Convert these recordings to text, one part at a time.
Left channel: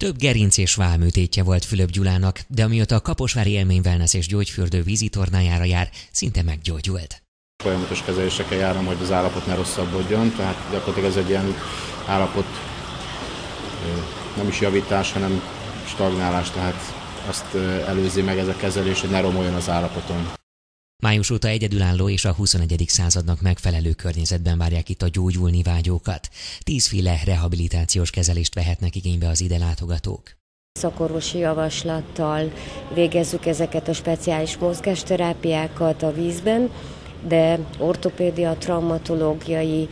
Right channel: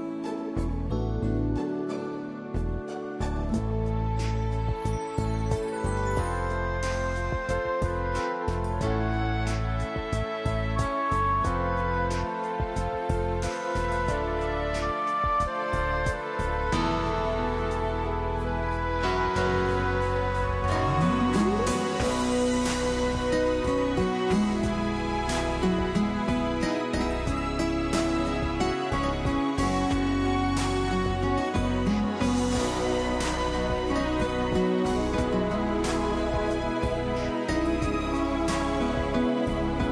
Több gerinc és válműtétje volt Fülöp Gyulának, de amióta a Kaposvári Élmény Wellness és Gyógyfürdő vízitornájára jár, szinte meggyógyult. Folyamatos kezelésekkel járom, hogy az állapot ne rosszabbodjon, tehát gyakorlatilag ez egy ilyen állapot, nem is javítás, hanem stagnálás, tehát azt előzi meg ez a kezelés, hogy ne romoljon az állapoton. Május óta egyedülálló és a 21. századnak megfelelő környezetben várják itt a gyógyulni vágyókat. 10 féle rehabilitációs kezelést vehetnek igénybe az ide látogatók. Szakorvosi javaslattal végezzük ezeket a speciális mozgásterápiákat a vízben, de ortopédia, traumatológiai,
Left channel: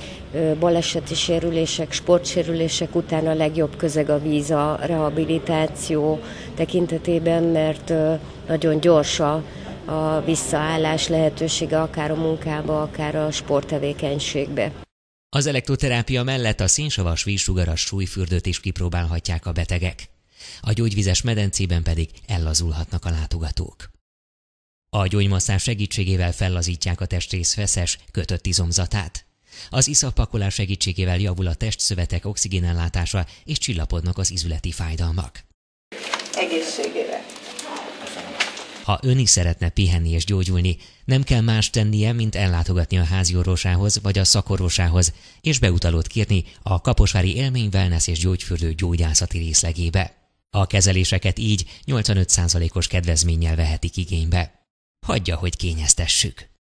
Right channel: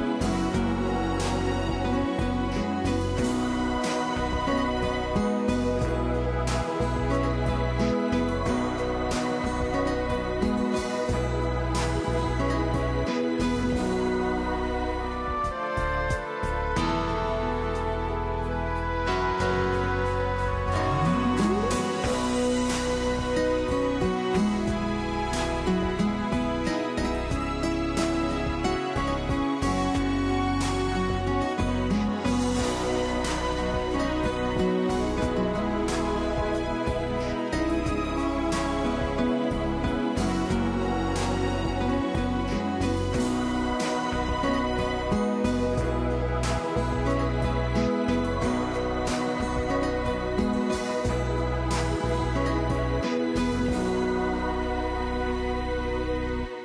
baleseti sérülések, sportsérülések után a legjobb közeg a víz a rehabilitáció tekintetében, mert nagyon gyors a visszaállás lehetősége akár a munkába, akár a sporttevékenységbe. Az elektroterápia mellett a szénsavas vízsugaras súlyfürdőt is kipróbálhatják a betegek. A gyógyvizes medencében pedig ellazulhatnak a látogatók. A gyógymasszázs segítségével fellazítják a testrész feszes, kötött izomzatát. Az iszappakolás segítségével javul a testszövetek oxigénellátása és csillapodnak az izületi fájdalmak. Egészségére! Ha ön is szeretne pihenni és gyógyulni, nem kell más tennie, mint ellátogatni a háziorvosához vagy a szakorvosához, és beutalót kérni a Kaposvári Élmény Wellness és Gyógyfürdő gyógyászati részlegébe. A kezeléseket így 85%-os kedvezménnyel vehetik igénybe. Hagyja, hogy kényeztessük!